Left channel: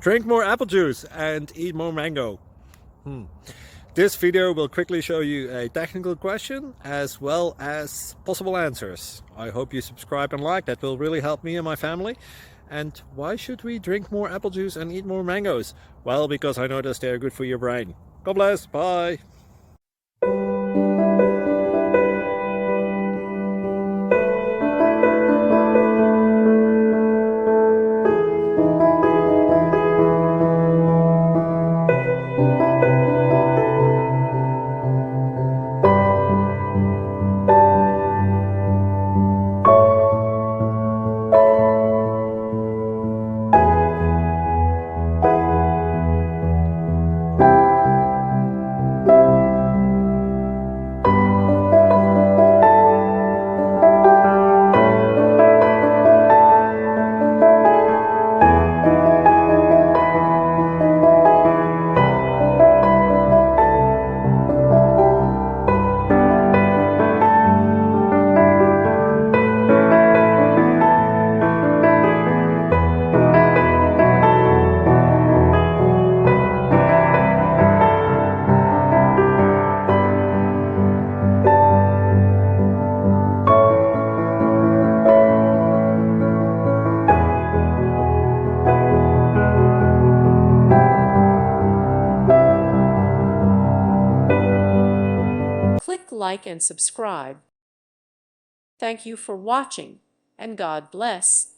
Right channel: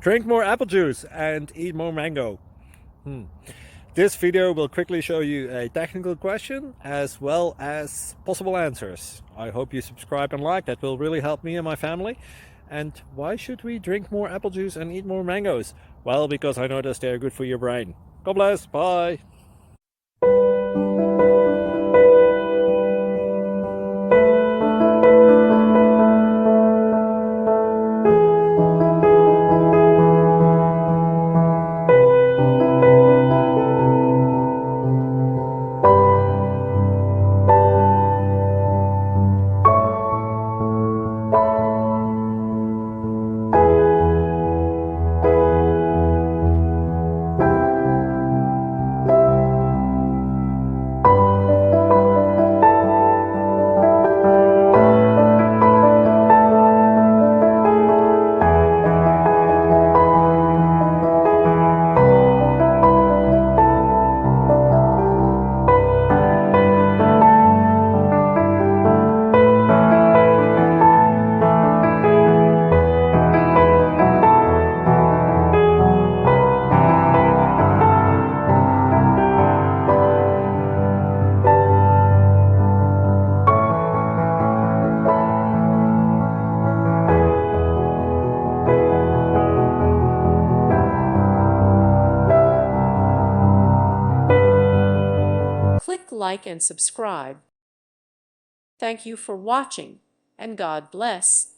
Drink more apple juice and eat more mango. This video will quickly show you a technical question as well as possible answers. I hope you subscribe and like, that will really help me and my family. And why should we drink more apple juice and eat more mangoes? Well, because I noticed they're good for your brain. God bless, bye. Click like and subscribe. Thank you for watching, and God bless.